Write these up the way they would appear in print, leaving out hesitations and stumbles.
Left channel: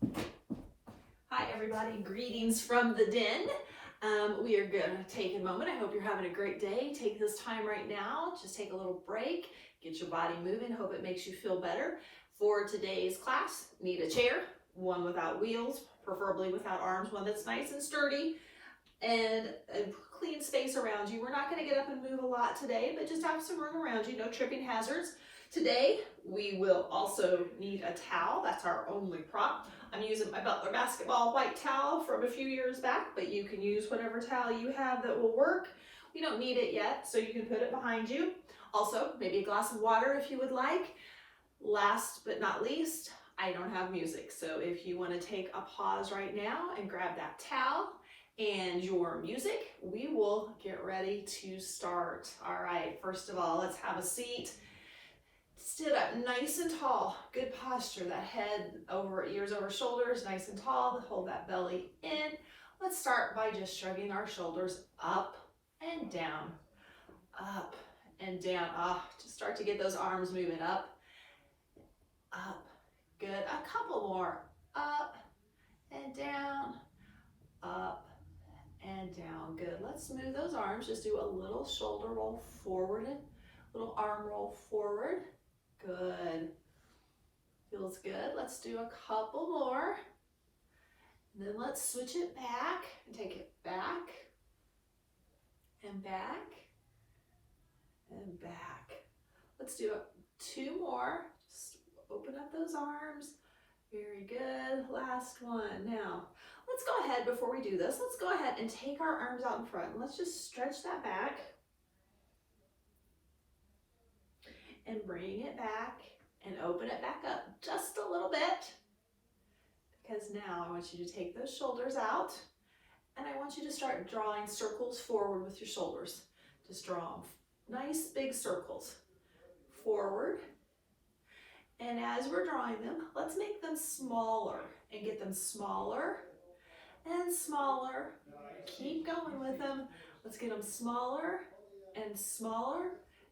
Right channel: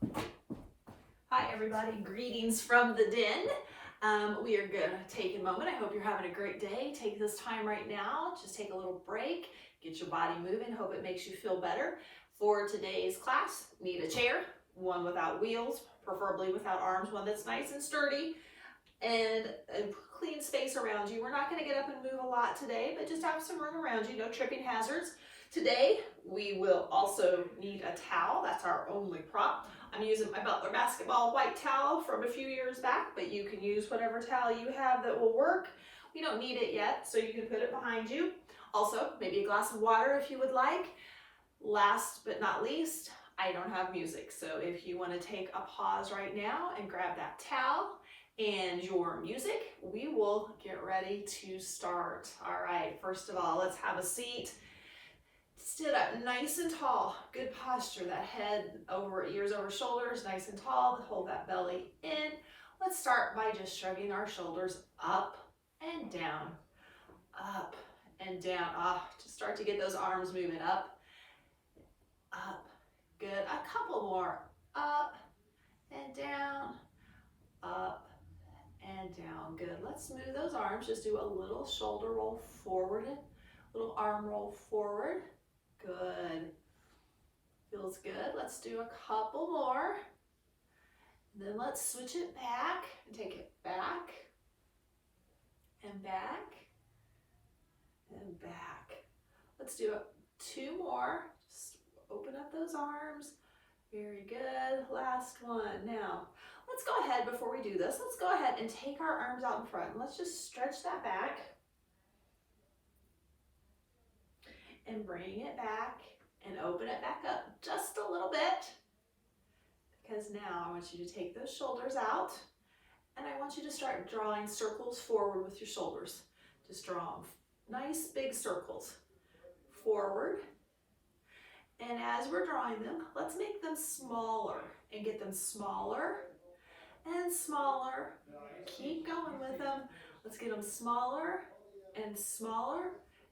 Hi everybody, greetings from the den. We are gonna take a moment. I hope you're having a great day. Take this time right now, just take a little break, get your body moving. Hope it makes you feel better. For today's class, need a chair, one without wheels, preferably without arms, one that's nice and sturdy, and a clean space around you. We're not gonna get up and move a lot today, but just have some room around you, no tripping hazards. Today, we will also need a towel. That's our only prop. I'm using my Butler basketball white towel from a few years back, but you can use whatever towel you have that will work. We don't need it yet, so you can put it behind you. Also, maybe a glass of water if you would like. Last but not least, I don't have music, so if you want to take a pause right now and grab that towel and your music, we will get ready to start. All right, first of all, let's have a seat. Sit up nice and tall, good posture, that head over, ears over shoulders, nice and tall, hold that belly in. Let's start by just shrugging our shoulders up and down, up and down. Just start to get those arms moving up, good. A couple more, up and down, up and down, good. Let's move those arms, just do a little shoulder roll forward, little arm roll forward. Good. Feels good. Let's do a couple more. And then let's switch it back and take it back and back and back. Let's do two more. Just open up those arms. Very good. Last one. Now, let's go ahead before we do this. Let's go ahead and take our arms out in front. Let's just stretch that back. And bring it back and open it back up just a little bit, because now I want you to take those shoulders out and I want you to start drawing circles forward with your shoulders. Just draw them nice big circles forward, and as we're drawing them, let's make them smaller and get them smaller and smaller. Keep going with them. Let's get them smaller and smaller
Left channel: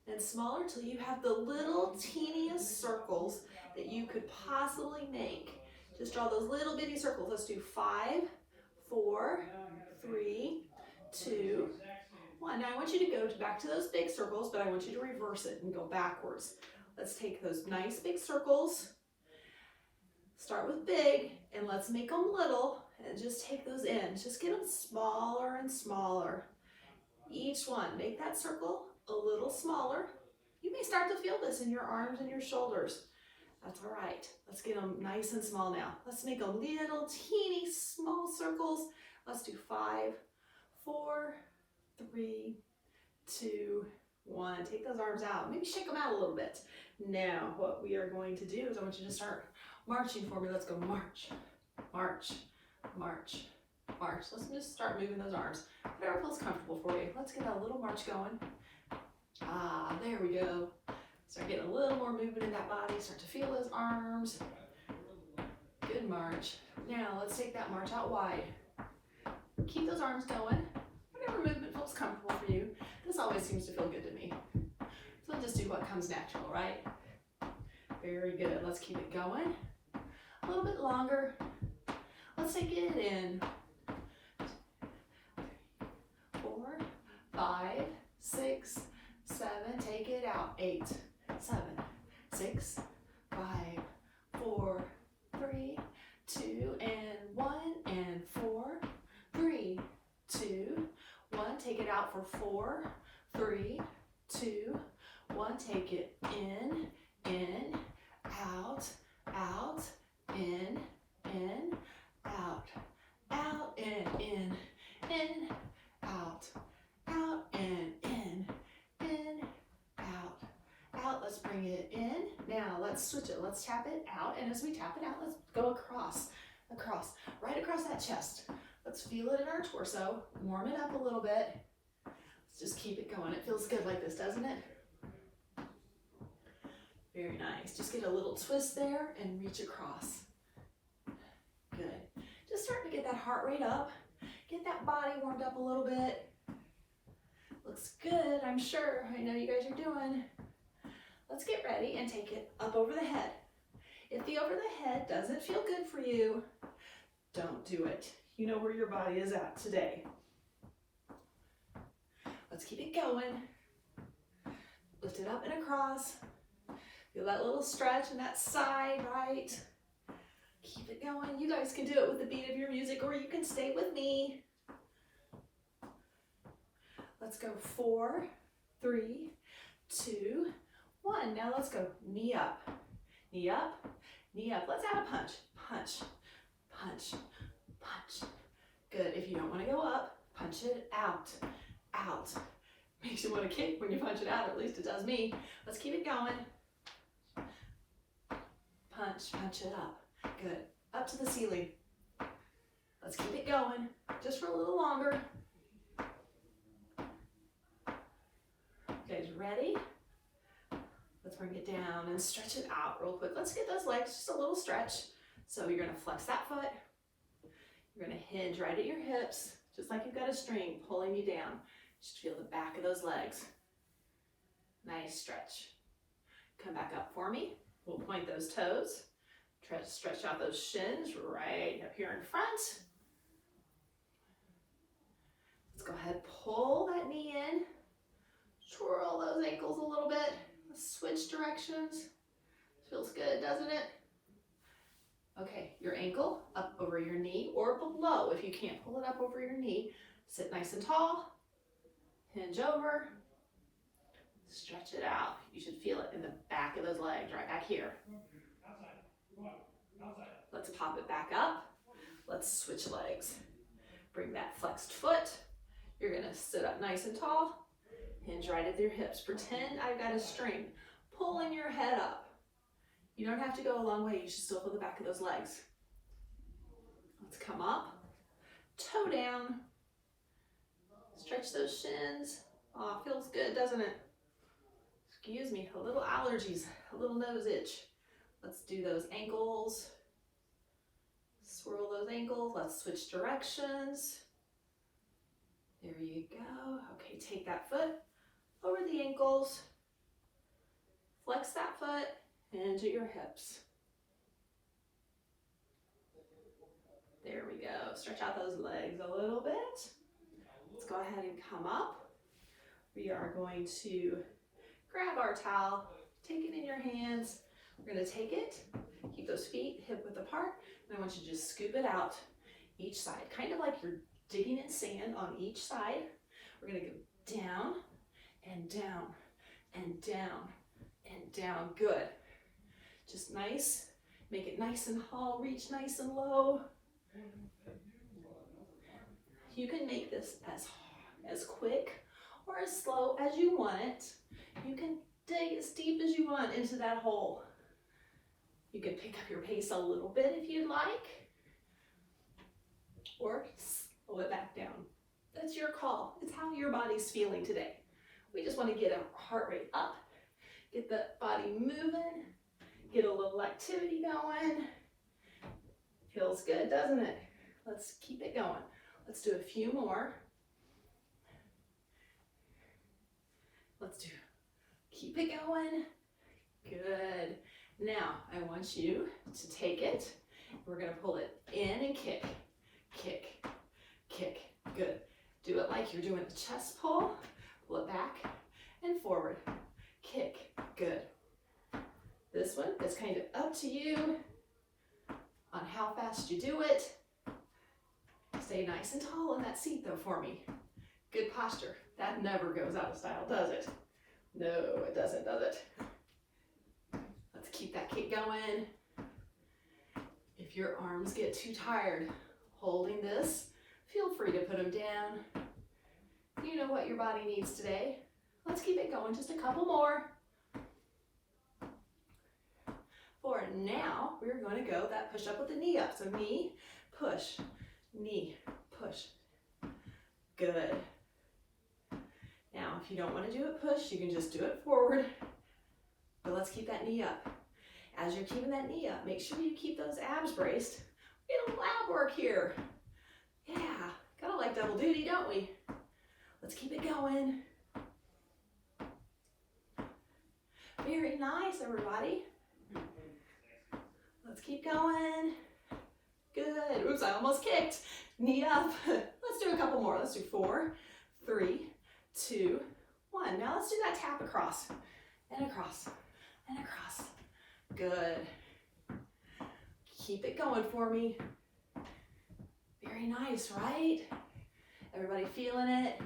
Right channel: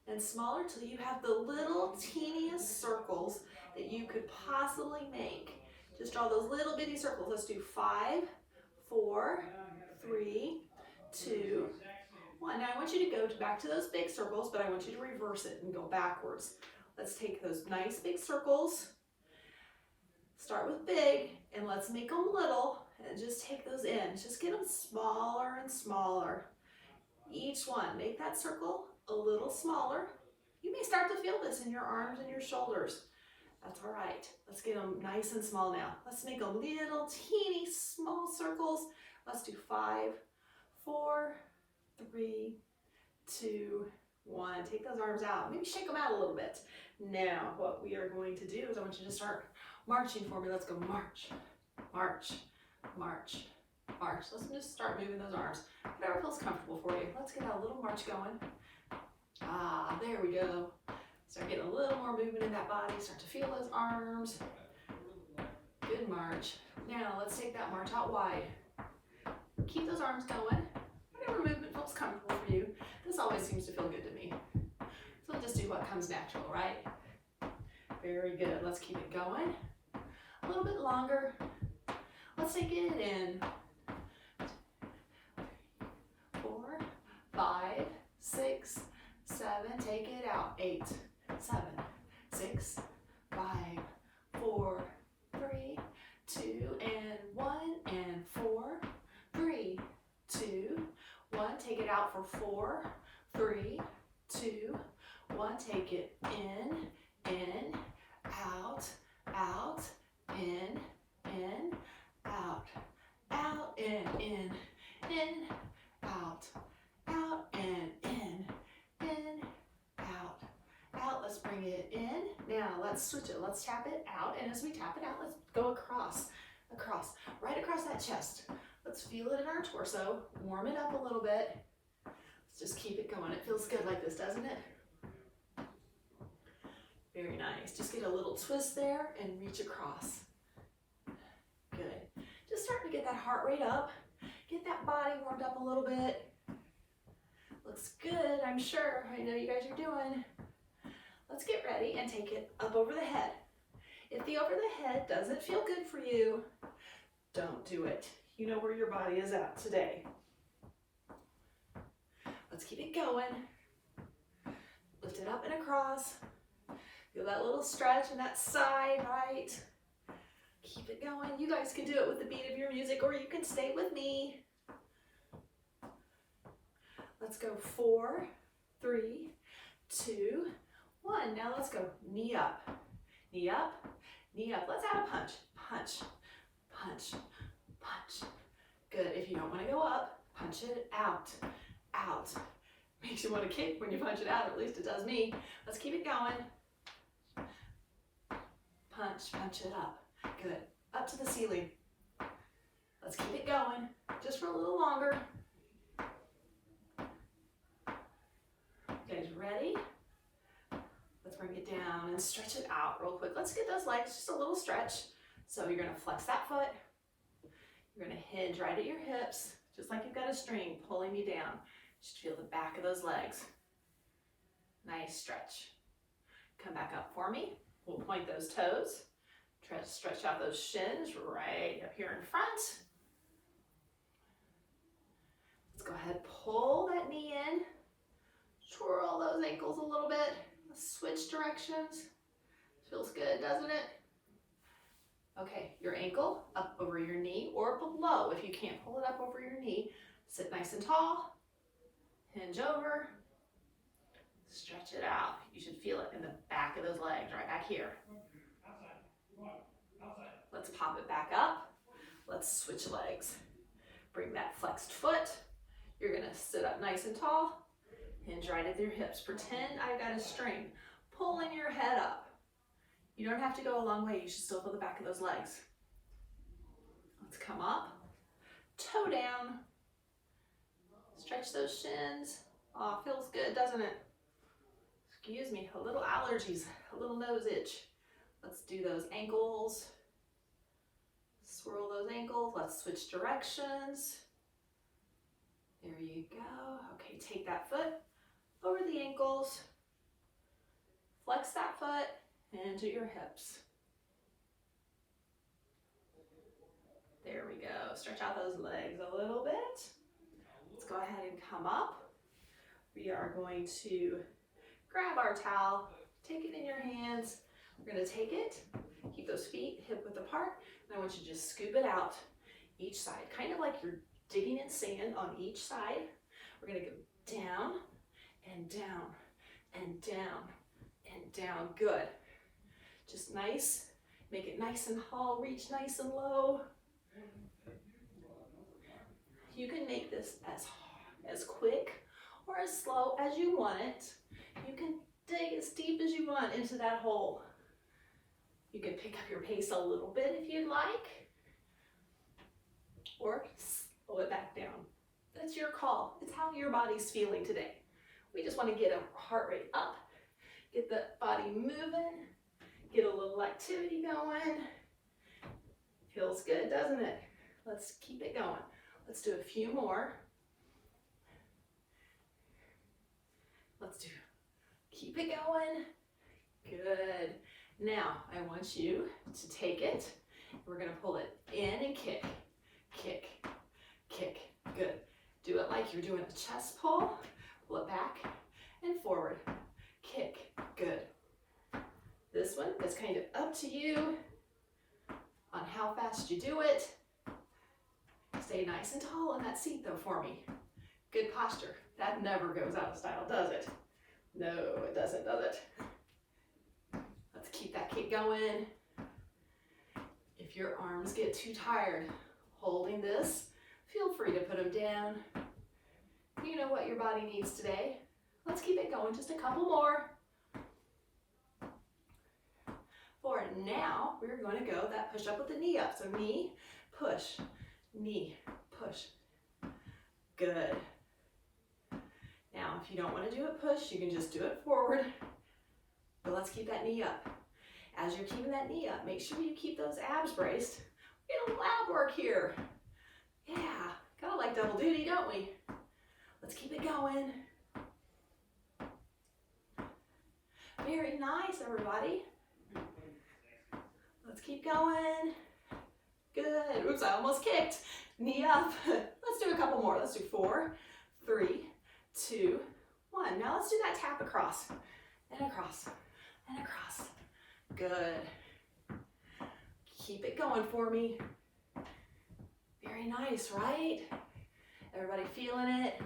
and smaller till you have the little teeniest circles that you could possibly make. Just draw those little bitty circles. Let's do 5, 4, 3, 2, 1. Now I want you to go back to those big circles, but I want you to reverse it and go backwards. Let's take those nice big circles, start with big, and let's make them little, and just take those in. Just get them smaller and smaller. Each one, make that circle a little smaller. You may start to feel this in your arms and your shoulders. That's all right. Let's get them nice and small now. Let's make them little teeny small circles. Let's do 5, 4, 3, 2, 1. Take those arms out. Maybe shake them out a little bit. Now, what we are going to do is I want you to start marching for me. Let's go march, march, march, march. Let's just start moving those arms. Whatever feels comfortable for you. Let's get that little march going. There we go. Start getting a little more movement in that body. Start to feel those arms. Good march. Now let's take that march out wide. Keep those arms going. Whatever movement feels comfortable for you. This always seems to feel good to me. So let's just do what comes natural, right? Very good. Let's keep it going. A little bit longer. Let's take it in. 4, 5, 6, 7, take it out. 8, 7, 6, 5, 4, 3, 2, and 1, and 4, 3, 2, 1. Take it out for 4, 3, 2, 1. Take it in, out, out, in, out, out, in, out, out, and in, out, out. Let's bring it in. Now let's switch it. Let's tap it out, and as we tap it out, let's go across, right across that chest. Let's feel it in our torso. Warm it up a little bit. Let's just keep it going. It feels good like this, doesn't it? Very nice. Just get a little twist there and reach across. Good. Just starting to get that heart rate up. Get that body warmed up a little bit. Looks good, I'm sure. I know you guys are doing. Let's get ready and take it up over the head. If the over the head doesn't feel good for you, don't do it. You know where your body is at today. Let's keep it going. Lift it up and across. Feel that little stretch in that side, right? Keep it going. You guys can do it with the beat of your music, or you can stay with me. Let's go 4, 3, 2, 1. Now let's go knee up, knee up, knee up. Let's add a punch, punch, punch, punch. Good. If you don't want to go up, punch it out, out. Makes you want to kick when you punch it out, at least it does me. Let's keep it going. Punch, punch it up. Good. Up to the ceiling. Let's keep it going, just for a little longer. Okay, ready? Let's bring it down and stretch it out real quick. Let's get those legs just a little stretch. So you're gonna flex that foot. You're gonna hinge right at your hips, just like you've got a string pulling you down. Just feel the back of those legs. Nice stretch. Come back up for me. We'll point those toes. Try to stretch out those shins right up here in front. Let's go ahead, pull that knee in. Twirl those ankles a little bit. Switch directions. Feels good, doesn't it? Okay, your ankle up over your knee or below. If you can't pull it up over your knee, sit nice and tall. Hinge over. Stretch it out. You should feel it in the back of those legs, right back here. Let's pop it back up. Let's switch legs. Bring that flexed foot. You're gonna sit up nice and tall. Hinge right at your hips. Pretend I've got a string pulling your head up. You don't have to go a long way. You should still feel the back of those legs. Let's come up. Toe down. Stretch those shins. Oh, feels good, doesn't it? Excuse me, a little allergies, a little nose itch. Let's do those ankles. Swirl those ankles. Let's switch directions. There you go. Okay, take that foot over the ankles. Flex that foot into your hips. There we go. Stretch out those legs a little bit. Let's go ahead and come up. We are going to grab our towel, take it in your hands. We're going to take it, keep those feet hip width apart, and I want you to just scoop it out each side, kind of like you're digging in sand on each side. We're going to go down and down and down and down. Good. Just nice. Make it nice and tall, reach nice and low. You can make this as quick or as slow as you want it. You can dig as deep as you want into that hole. You can pick up your pace a little bit if you'd like, or slow it back down. That's your call. It's how your body's feeling today. We just want to get a heart rate up, get the body moving, get a little activity going. Feels good, doesn't it? Let's keep it going. Let's do a few more. Keep it going. Good. Now, I want you to take it. We're going to pull it in and kick, kick, kick. Good. Do it like you're doing a chest pull. Pull it back and forward. Kick. Good. This one is kind of up to you on how fast you do it. Stay nice and tall in that seat though for me. Good posture. That never goes out of style, does it? No, it doesn't, does it? Let's keep that kick going. If your arms get too tired holding this, feel free to put them down. You know what your body needs today. Let's keep it going, just a couple more. For now, we're going to go that push up with the knee up. So knee, push, knee, push. Good. Now, if you don't want to do it push, you can just do it forward. But let's keep that knee up. As you're keeping that knee up, make sure you keep those abs braced. We don't lab work here. Yeah, gotta like double duty, don't we? Let's keep it going. Very nice, everybody. Keep going. Good. Oops, I almost kicked. Knee up. Let's do a couple more. Let's do 4, 3, 2, 1. Now let's do that tap across and across and across. Good. Keep it going for me. Very nice, right? Everybody feeling it?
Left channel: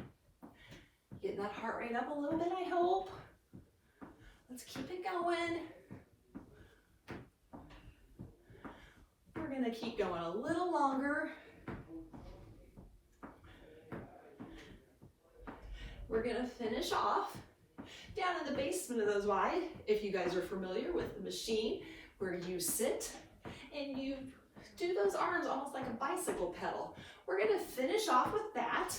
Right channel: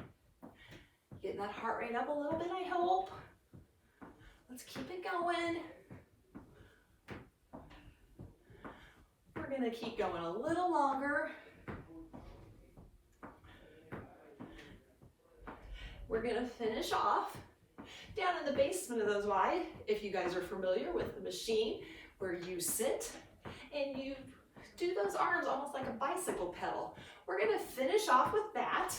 Getting that heart rate up a little bit, I hope. Let's keep it going. We're gonna keep going a little longer. We're gonna finish off down in the basement of those wide. If you guys are familiar with the machine where you sit and you do those arms almost like a bicycle pedal. We're gonna finish off with that,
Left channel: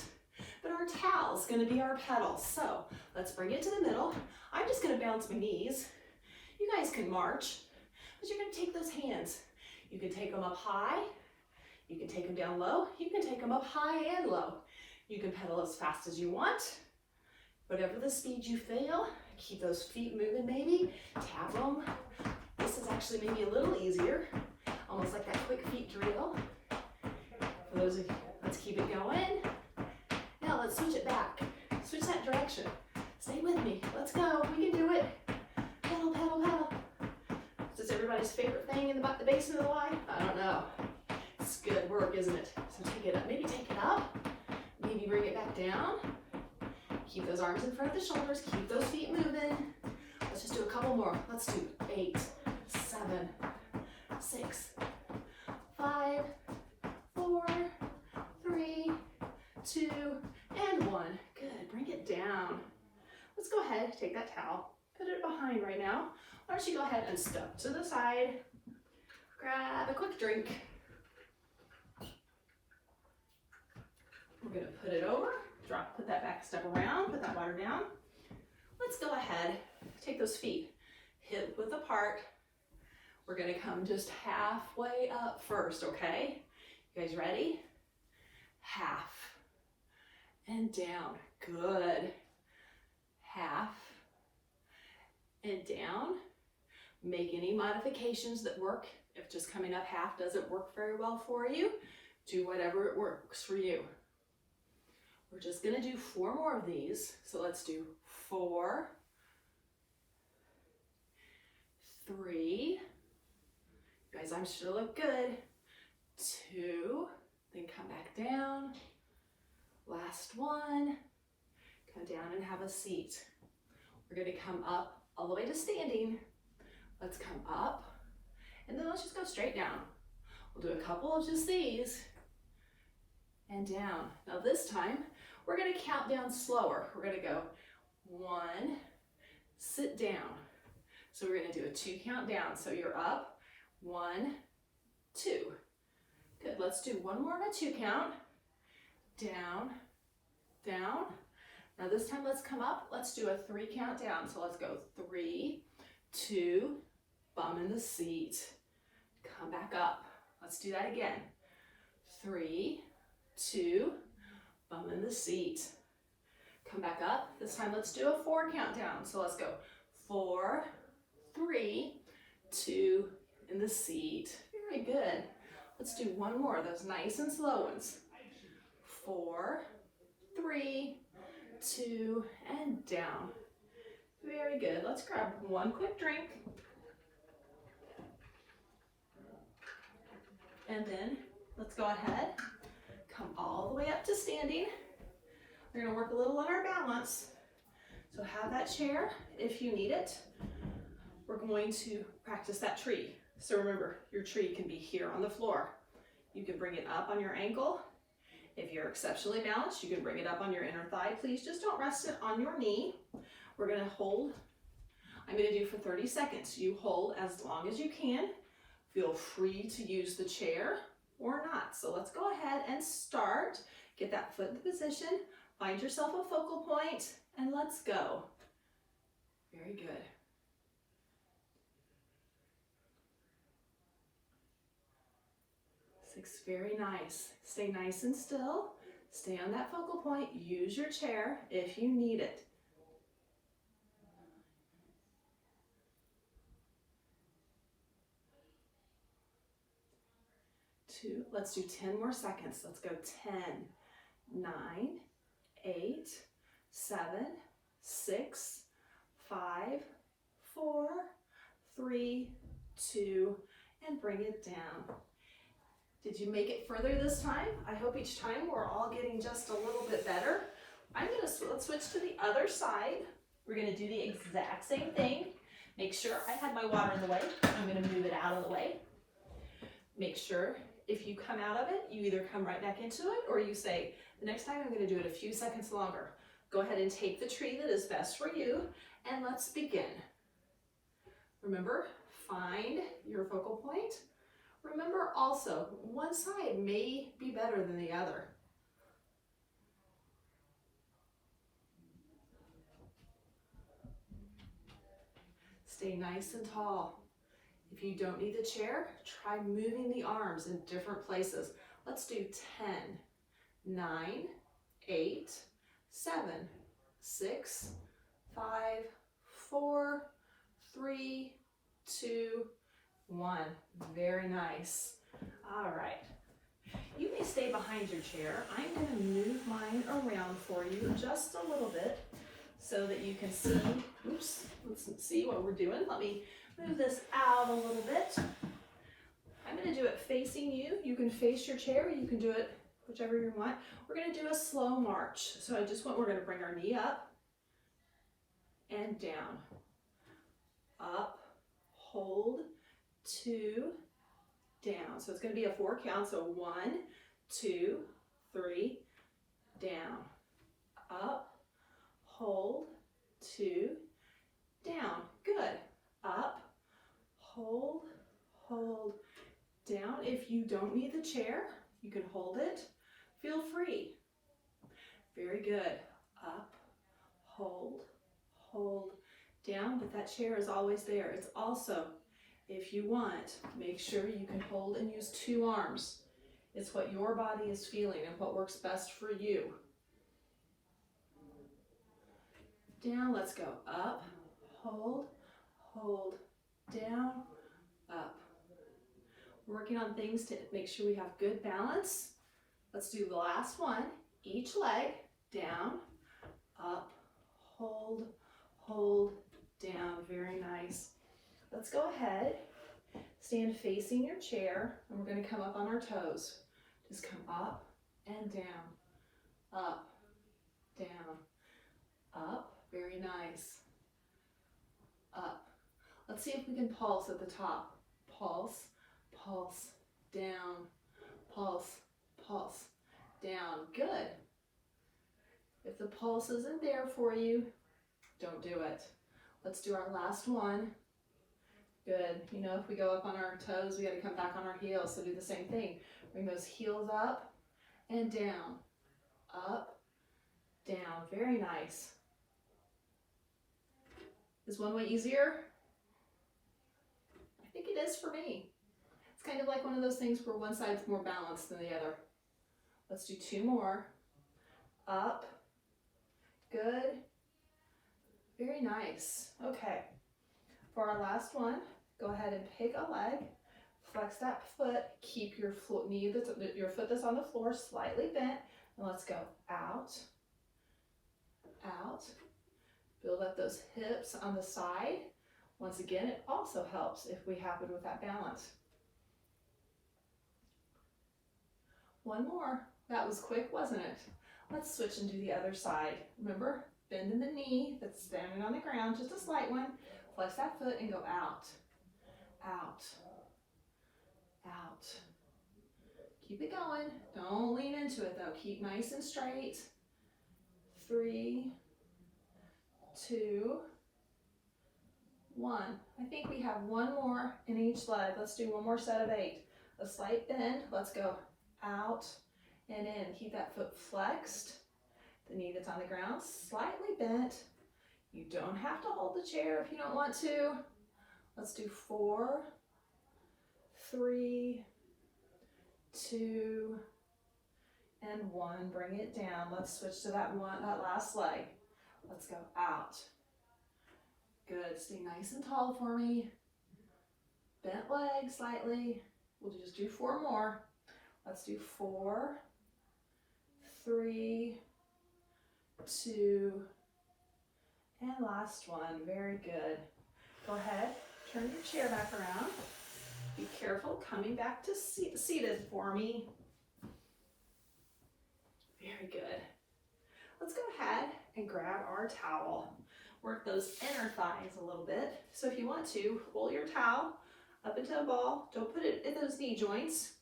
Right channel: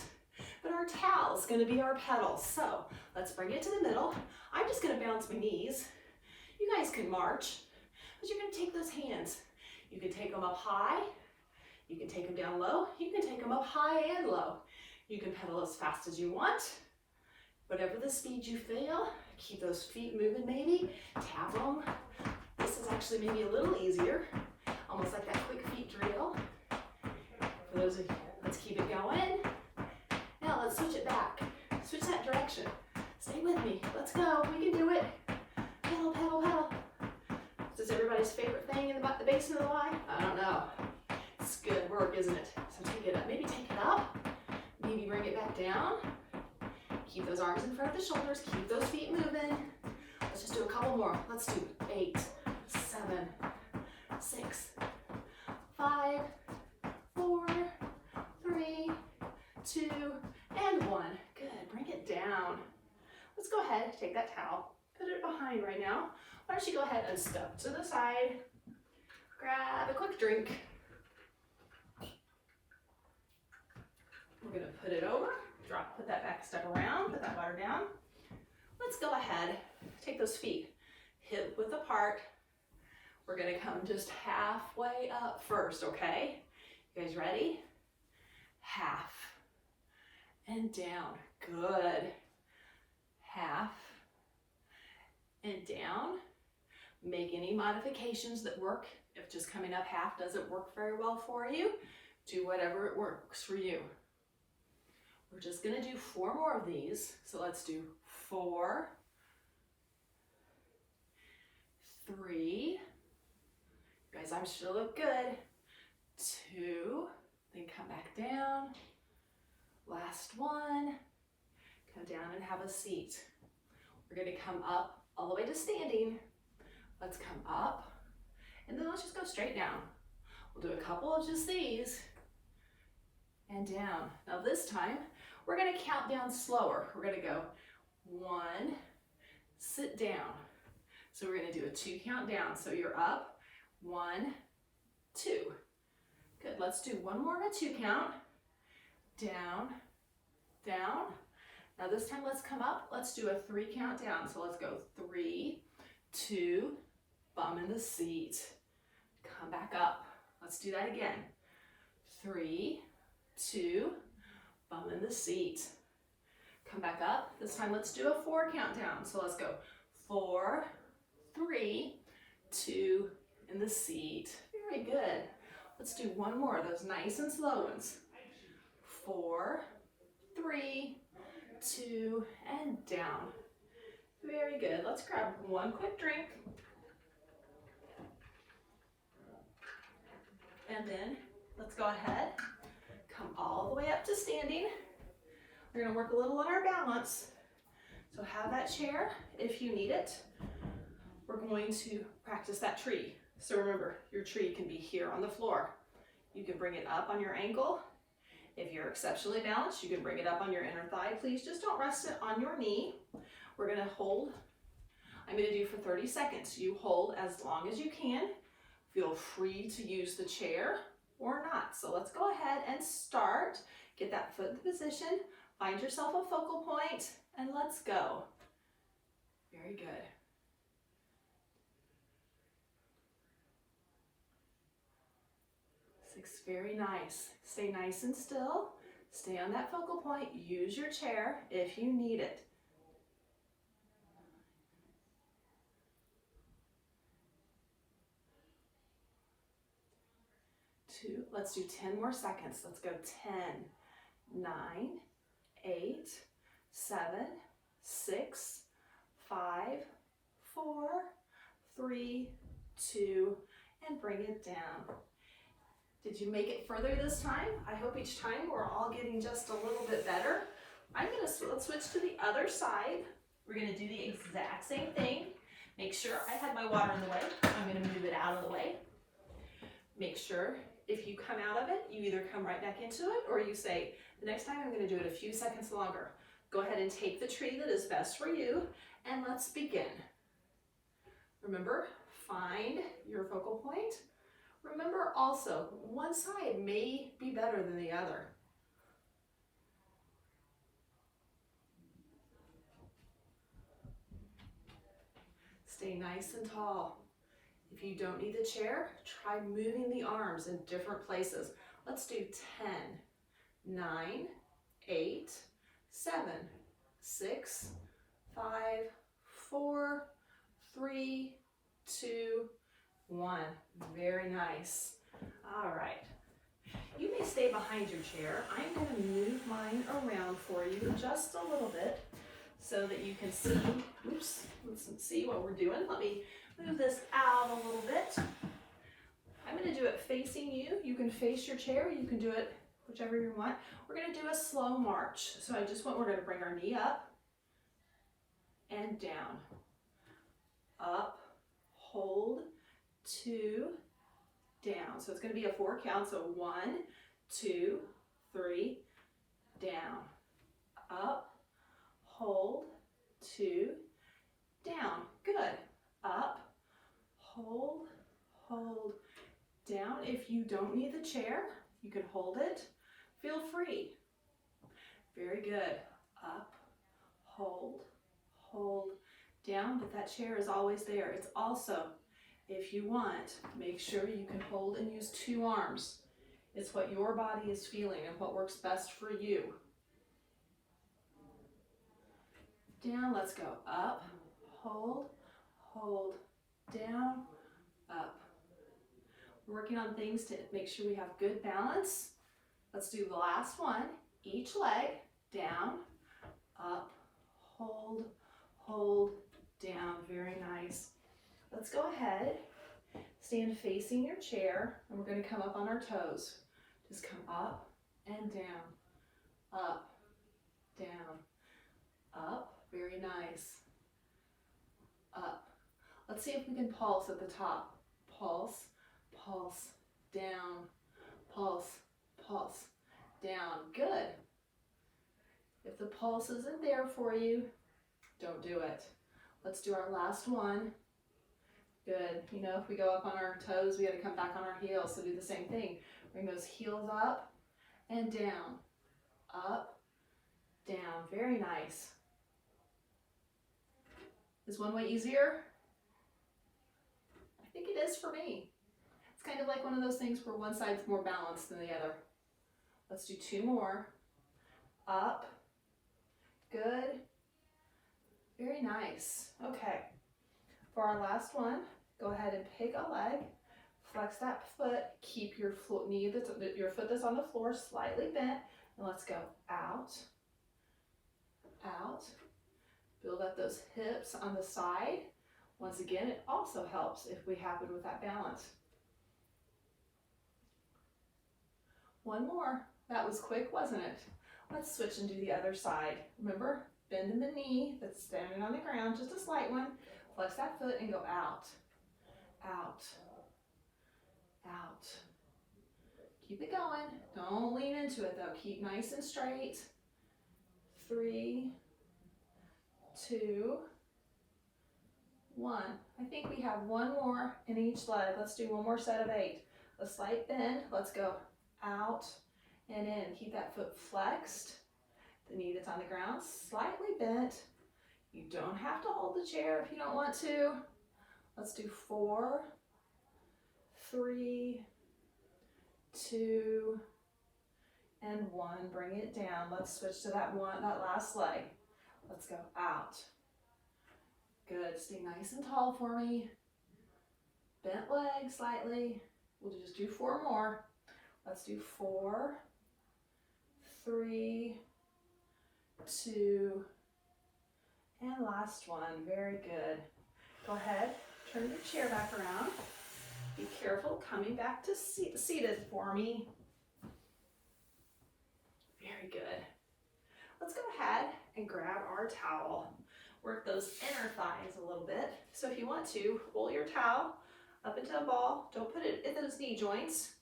but our towel is gonna be our pedal. So let's bring it to the middle. I'm just gonna bounce my knees. You guys can march, but you're gonna take those hands. You can take them up high, you can take them down low, you can take them up high and low. You can pedal as fast as you want. Whatever the speed you feel, keep those feet moving maybe, tap them. This is actually maybe a little easier, almost like that quick feet drill. For those of you, let's keep it going. Now let's switch it back. Switch that direction. Stay with me. Let's go. We can do it. Pedal, pedal, pedal. Is this everybody's favorite thing in the basement of the Y? I don't know. It's good work, isn't it? So take it up. Maybe take it up. Maybe bring it back down. Keep those arms in front of the shoulders. Keep those feet moving. Let's just do a couple more. Let's do 8, 7, 6, 5, 4, 3, 2, and 1. Good. Bring it down. Let's go ahead, take that towel, put it behind right now. Why don't you go ahead and step to the side, grab a quick drink. We're gonna put it over, drop, put that back step around, put that water down. Let's go ahead, take those feet hip width apart. We're gonna come just halfway up first, okay? You guys ready? Half and down, good. Half and down. Make any modifications that work. If just coming up half doesn't work very well for you, do whatever it works for you. We're just gonna do 4 more of these. So let's do 4, 3, guys, I'm sure look good. 2, then come back down. Last one, come down and have a seat. We're gonna come up all the way to standing. Let's come up, and then let's just go straight down. We'll do a couple of just these, and down. Now this time, we're gonna count down slower. We're gonna go 1, sit down. So we're gonna do a 2 count down. So you're up, 1, 2. Good, let's do one more of a 2 count. Down, down. Now this time let's come up, let's do a 3 count down. So let's go 3, 2, bum in the seat. Come back up. Let's do that again. 3, 2, bum in the seat. Come back up. This time let's do a 4 count down. So let's go 4, 3, 2, in the seat. Very good. Let's do one more of those nice and slow ones. 4, 3, 2, and down. Very good. Let's grab one quick drink. And then let's go ahead, come all the way up to standing. We're gonna work a little on our balance. So have that chair if you need it. We're going to practice that tree. So remember, your tree can be here on the floor. You can bring it up on your ankle. If you're exceptionally balanced, you can bring it up on your inner thigh. Please just don't rest it on your knee. We're gonna hold, I'm gonna do for 30 seconds. You hold as long as you can. Feel free to use the chair or not. So let's go ahead and start. Get that foot in position, find yourself a focal point, and let's go. Very good. Six, very nice. Stay nice and still. Stay on that focal point. Use your chair if you need it. 2, let's do 10 more seconds. Let's go 10, 9, 8, 7, 6, 5, 4, 3, 2, and bring it down. Did you make it further this time? I hope each time we're all getting just a little bit better. Let's switch to the other side. We're gonna do the exact same thing. Make sure I had my water in the way. I'm gonna move it out of the way. Make sure if you come out of it, you either come right back into it or you say, the next time I'm gonna do it a few seconds longer. Go ahead and take the tree that is best for you, and let's begin. Remember, find your focal point. Remember also, one side may be better than the other. Stay nice and tall. If you don't need the chair, try moving the arms in different places. Let's do 10, 9, 8, 7, 6, 5, 4, 3, 2, 1. Very nice. All right. You may stay behind your chair. I'm going to move mine around for you just a little bit so that you can see, oops, let's see what we're doing. Let me move this out a little bit. I'm going to do it facing you. You can face your chair. You can do it whichever you want. We're going to do a slow march. So we're going to bring our knee up and down. Up, hold, 2, down. So it's going to be a 4 count. So 1, 2, 3, down. Up, hold, 2, down. Good. Up, hold, hold, down. If you don't need the chair, you can hold it. Feel free. Very good. Up, hold, hold, down, but that chair is always there. It's also, if you want, make sure you can hold and use 2 arms. It's what your body is feeling and what works best for you. Down, let's go. Up, hold, hold, down, up. We're working on things to make sure we have good balance. Let's do the last one. Each leg, down, up, hold, hold, down. Very nice. Let's go ahead, stand facing your chair, and we're going to come up on our toes. Just come up and down, up, down, up. Very nice. Up. Let's see if we can pulse at the top. Pulse, pulse, down, pulse, pulse, down. Good. If the pulse isn't there for you, don't do it. Let's do our last one. Good. You know, if we go up on our toes, we got to come back on our heels. So do the same thing. Bring those heels up and down. Up, down. Very nice. Is one way easier? I think it is for me. It's kind of like one of those things where one side's more balanced than the other. Let's do 2 more. Up. Good. Very nice. Okay. For our last one, go ahead and pick a leg, flex that foot, keep your your foot that's on the floor slightly bent, and let's go out, out. Build up those hips on the side. Once again, it also helps if we happen with that balance. One more. That was quick, wasn't it? Let's switch and do the other side. Remember, bending the knee that's standing on the ground, just a slight one. Flex that foot and go out, out, out. Keep it going. Don't lean into it though. Keep nice and straight. 3, 2, 1. I think we have one more in each leg. Let's do one more set of 8. A slight bend. Let's go out and in. Keep that foot flexed. The knee that's on the ground slightly bent. You don't have to hold the chair if you don't want to. Let's do 4, 3, 2, and 1. Bring it down. Let's switch to that last leg. Let's go out. Good. Stay nice and tall for me. Bent leg slightly. We'll just do 4 more. Let's do 4, 3, 2, and last one. Very good. Go ahead, turn your chair back around. Be careful coming back to seated for me. Very good. Let's go ahead and grab our towel. Work those inner thighs a little bit. So if you want to, roll your towel up into a ball. Don't put it in those knee joints.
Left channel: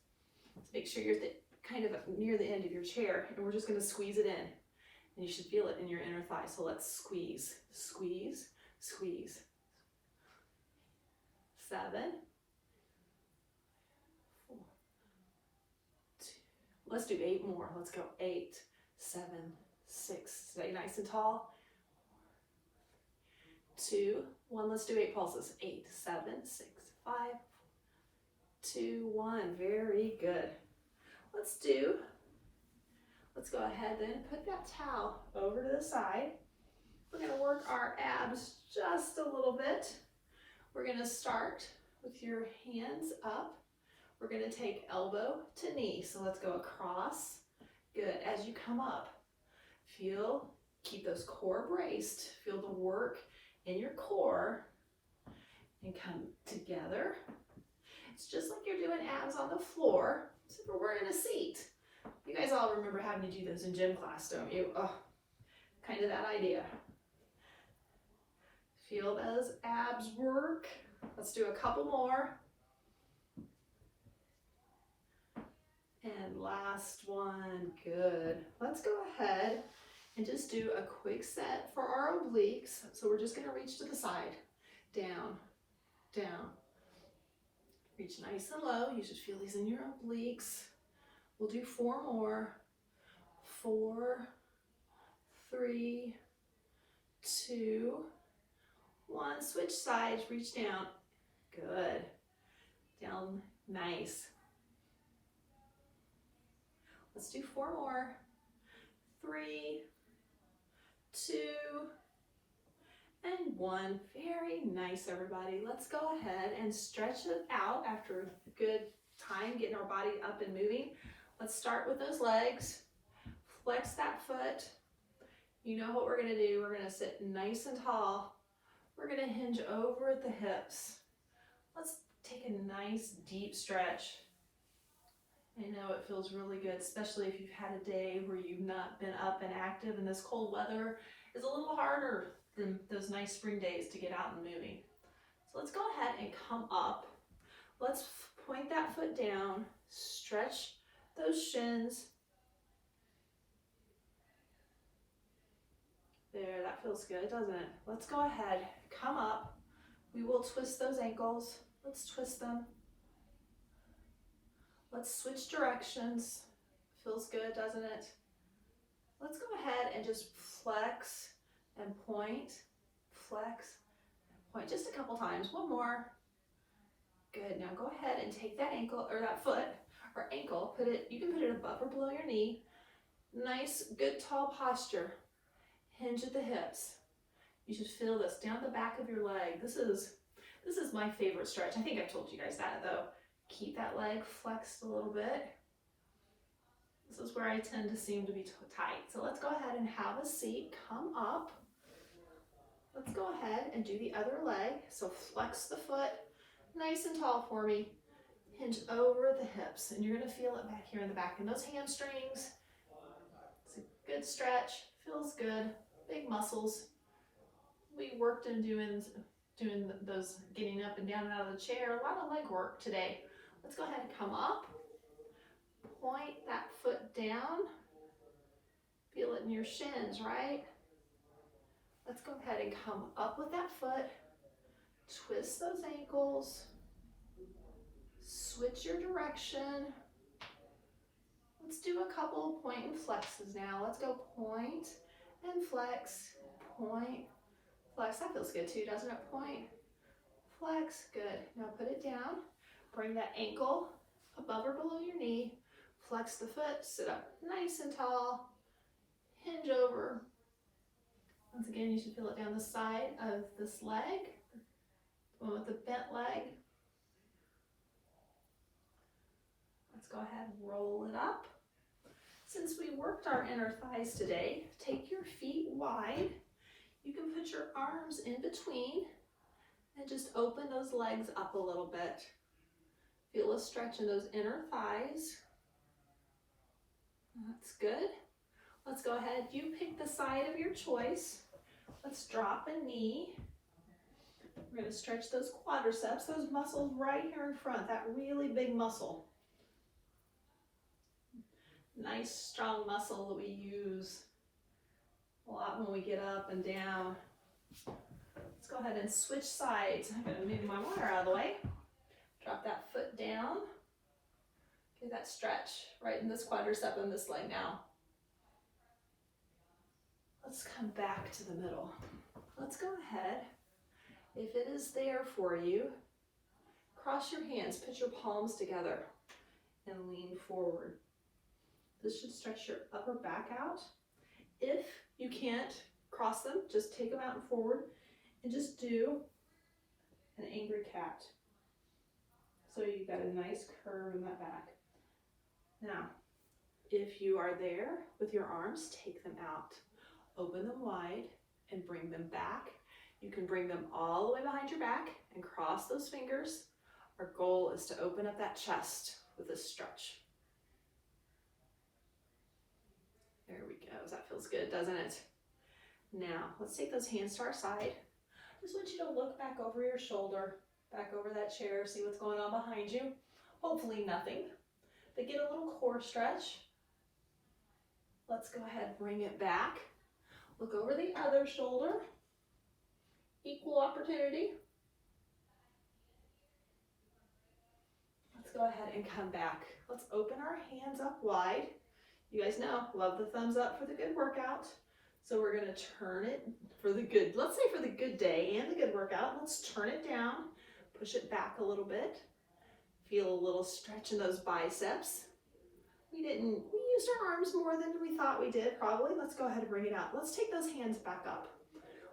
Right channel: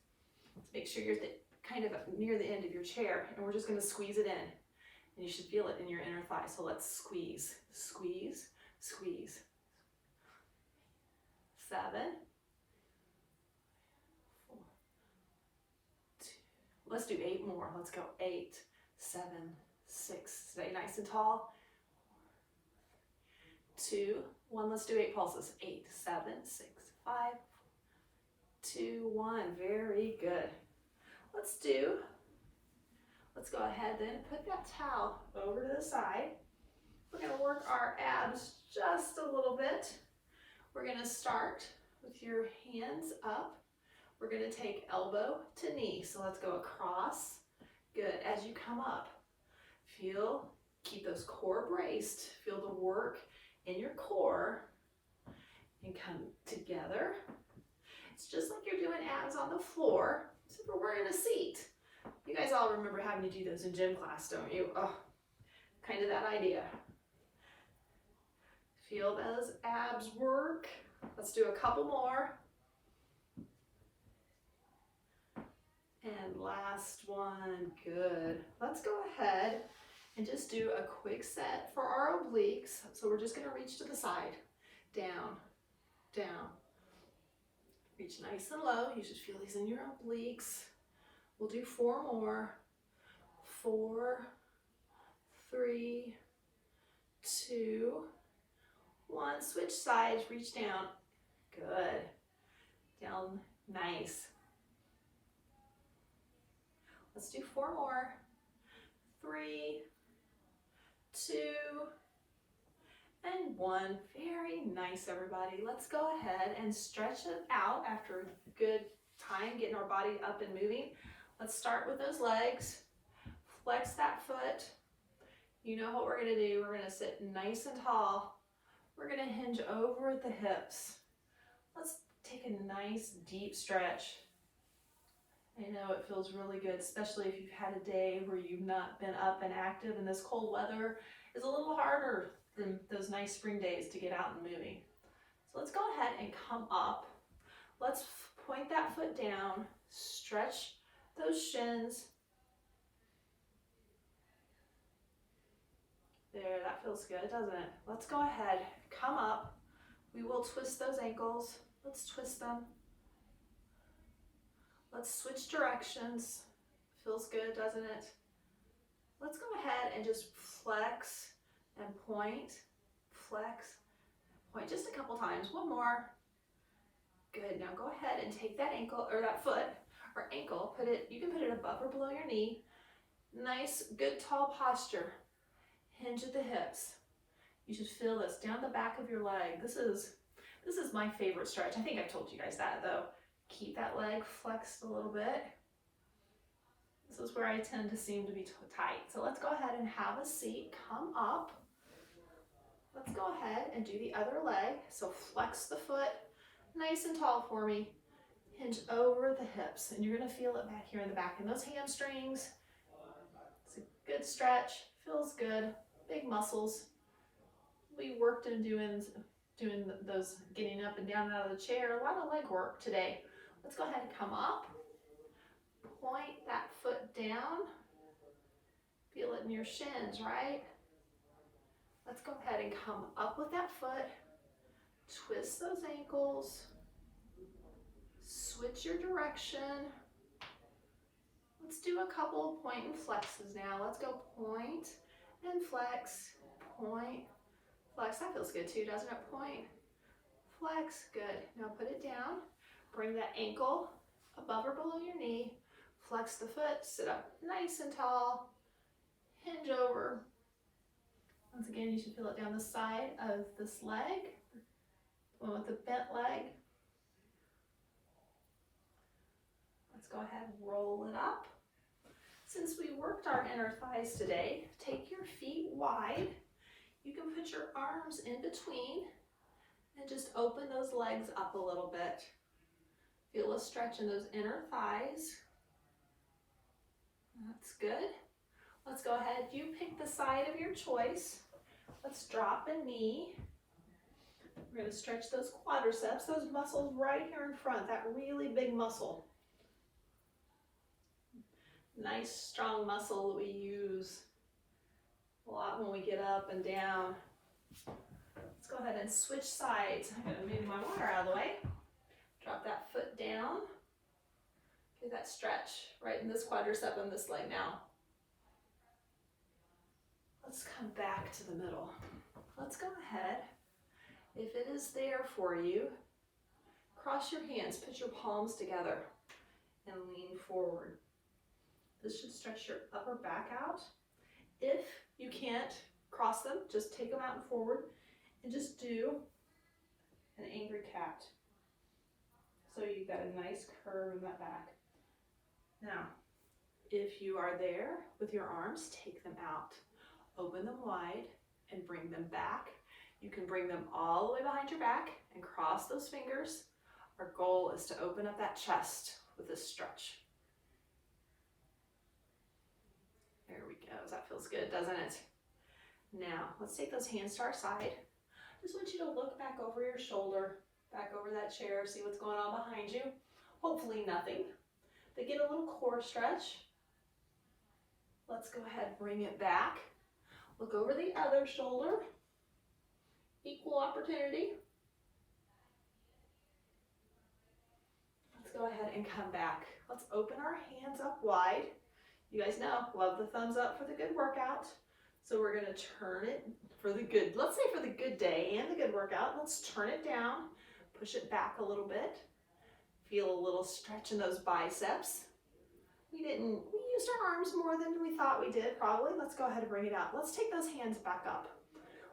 Make sure you're kind of near the end of your chair, and we're just going to squeeze it in. And you should feel it in your inner thigh. So let's squeeze, squeeze, squeeze. 7, 4, 2. Let's do 8 more. Let's go 8, 7, 6. Stay nice and tall. 2, 1. Let's do 8 pulses. 8, 7, 6, 5, 2, 1. Very good. Let's go ahead then, put that towel over to the side. We're going to work our abs just a little bit. We're going to start with your hands up. We're going to take elbow to knee. So let's go across. Good. As you come up, keep those core braced. Feel the work in your core and come together. It's just like you're doing abs on the floor, except we're in a seat. You guys all remember having to do those in gym class, don't you? Oh, kind of that idea. Feel those abs work. Let's do a couple more. And last one, good. Let's go ahead and just do a quick set for our obliques. So we're just gonna reach to the side, down, down. Reach nice and low. You should feel these in your obliques. We'll do 4 more. 4, 3, 2, 1. Switch sides, reach down. Good. Down, nice. Let's do 4 more. 3, 2, and 1. Very nice, everybody. Let's go ahead and stretch it out after a good time getting our body up and moving. Let's start with those legs. Flex that foot. You know what we're going to do. We're going to sit nice and tall. We're going to hinge over at the hips. Let's take a nice deep stretch. I know it feels really good, especially if you've had a day where you've not been up and active, and this cold weather is a little harder than those nice spring days to get out and moving. So let's go ahead and come up. Let's point that foot down, stretch those shins. There, that feels good, doesn't it? Let's go ahead, come up. We will twist those ankles. Let's twist them. Let's switch directions. Feels good, doesn't it? Let's go ahead and just flex and point, flex, point just a couple times. 1 more. Good. Now go ahead and take that ankle or that foot or ankle, you can put it above or below your knee. Nice, good tall posture. Hinge at the hips. You should feel this down the back of your leg. This is my favorite stretch. I think I've told you guys that though. Keep that leg flexed a little bit. This is where I tend to seem to be tight. So let's go ahead and have a seat. Come up. Let's go ahead and do the other leg. So flex the foot nice and tall for me. Hinge over the hips, and you're going to feel it back here in the back. And those hamstrings, it's a good stretch. Feels good. Big muscles. We worked in doing those getting up and down and out of the chair. A lot of leg work today. Let's go ahead and come up. Point that foot down. Feel it in your shins, right? Let's go ahead and come up with that foot. Twist those ankles. Switch your direction. Let's do a couple of point and flexes now. Let's go point and flex, point, flex. That feels good too, doesn't it? Point, flex, good. Now put it down. Bring that ankle above or below your knee. Flex the foot, sit up nice and tall. Hinge over. Once again, you should feel it down the side of this leg. The one with the bent leg. Let's go ahead and roll it up. Since we worked our inner thighs today, take your feet wide. You can put your arms in between and just open those legs up a little bit. Feel a stretch in those inner thighs. That's good. Let's go ahead. You pick the side of your choice. Let's drop a knee. We're going to stretch those quadriceps, those muscles right here in front, that really big muscle. Nice strong muscle that we use a lot when we get up and down. Let's go ahead and switch sides. I'm going to move my water out of the way. Drop that foot down. Get that stretch right in this quadricep and this leg now. Let's come back to the middle. Let's go ahead. If it is there for you, cross your hands, put your palms together, and lean forward. This should stretch your upper back out. If you can't cross them, just take them out and forward, and just do an angry cat. So you've got a nice curve in that back. Now, if you are there with your arms, take them out. Open them wide and bring them back. You can bring them all the way behind your back and cross those fingers. Our goal is to open up that chest with this stretch. There we go. That feels good, doesn't it? Now, let's take those hands to our side. Just want you to look back over your shoulder, back over that chair, see what's going on behind you. Hopefully nothing, but get a little core stretch. Let's go ahead, bring it back. Look over the other shoulder. Equal opportunity. Let's go ahead and come back. Let's open our hands up wide. You guys know, love the thumbs up for the good workout. So we're going to turn it for the good, let's say for the good day and the good workout. Let's turn it down, push it back a little bit. Feel a little stretch in those biceps. We used our arms more than we thought we did, probably. Let's go ahead and bring it out. Let's take those hands back up.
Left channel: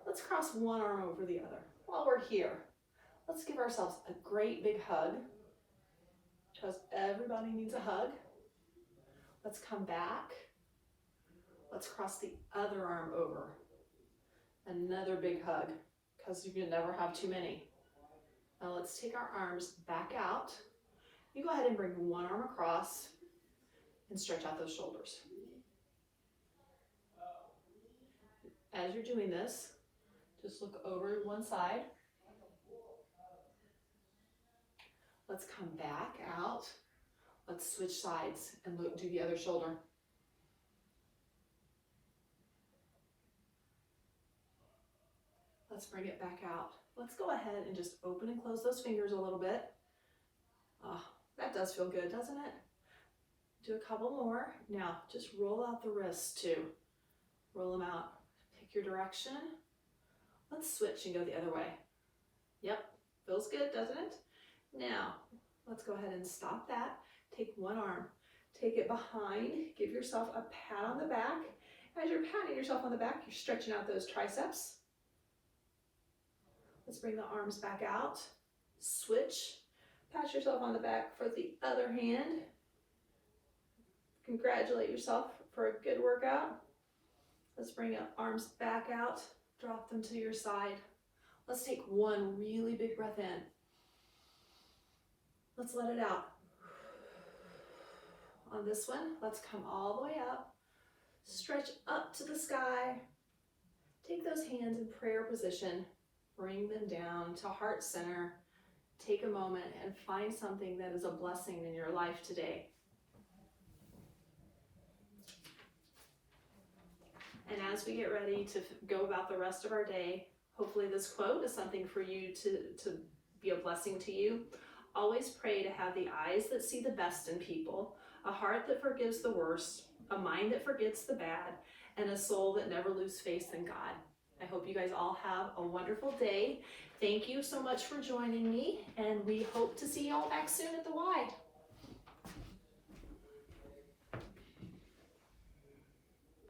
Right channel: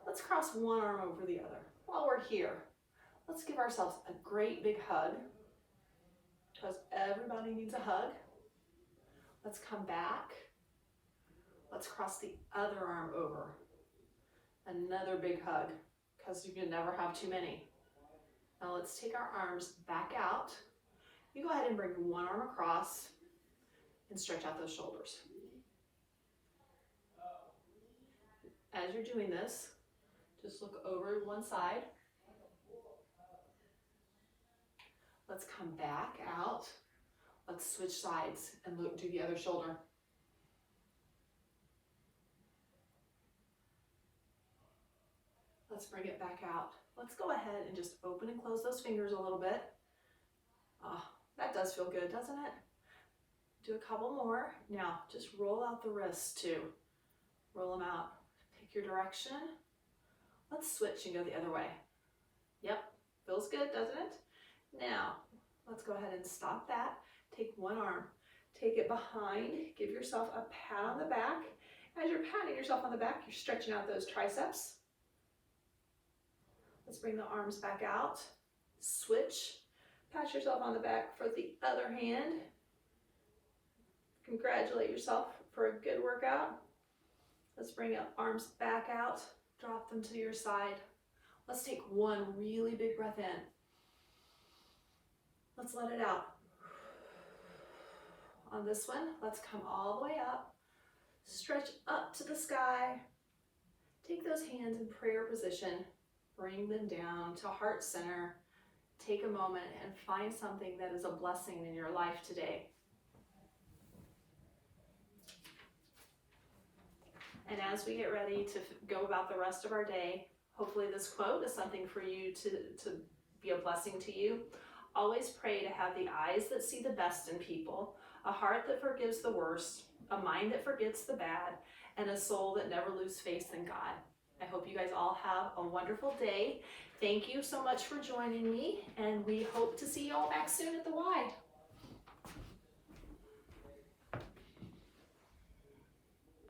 Let's cross one arm over the other. While we're here, let's give ourselves a great big hug, because everybody needs a hug. Let's come back. Let's cross the other arm over. Another big hug, because you can never have too many. Now let's take our arms back out. You go ahead and bring one arm across and stretch out those shoulders. As you're doing this, just look over one side. Let's come back out. Let's switch sides and do the other shoulder. Let's bring it back out. Let's go ahead and just open and close those fingers a little bit. Oh, that does feel good, doesn't it? Do a couple more. Now, just roll out the wrists too. Roll them out. Pick your direction. Let's switch and go the other way. Yep, feels good, doesn't it? Now, let's go ahead and stop that. Take one arm, take it behind, give yourself a pat on the back. As you're patting yourself on the back, you're stretching out those triceps. Let's bring the arms back out. Switch, pat yourself on the back for the other hand. Congratulate yourself for a good workout. Let's bring the arms back out. Drop them to your side. Let's take one really big breath in. Let's let it out. On this one, let's come all the way up. Stretch up to the sky. Take those hands in prayer position. Bring them down to heart center. Take a moment and find something that is a blessing in your life today. And as we get ready to go about the rest of our day, hopefully this quote is something for you to be a blessing to you. Always pray to have the eyes that see the best in people, a heart that forgives the worst, a mind that forgets the bad, and a soul that never loses faith in God. I hope you guys all have a wonderful day. Thank you so much for joining me, and we hope to see you all back soon at the Y.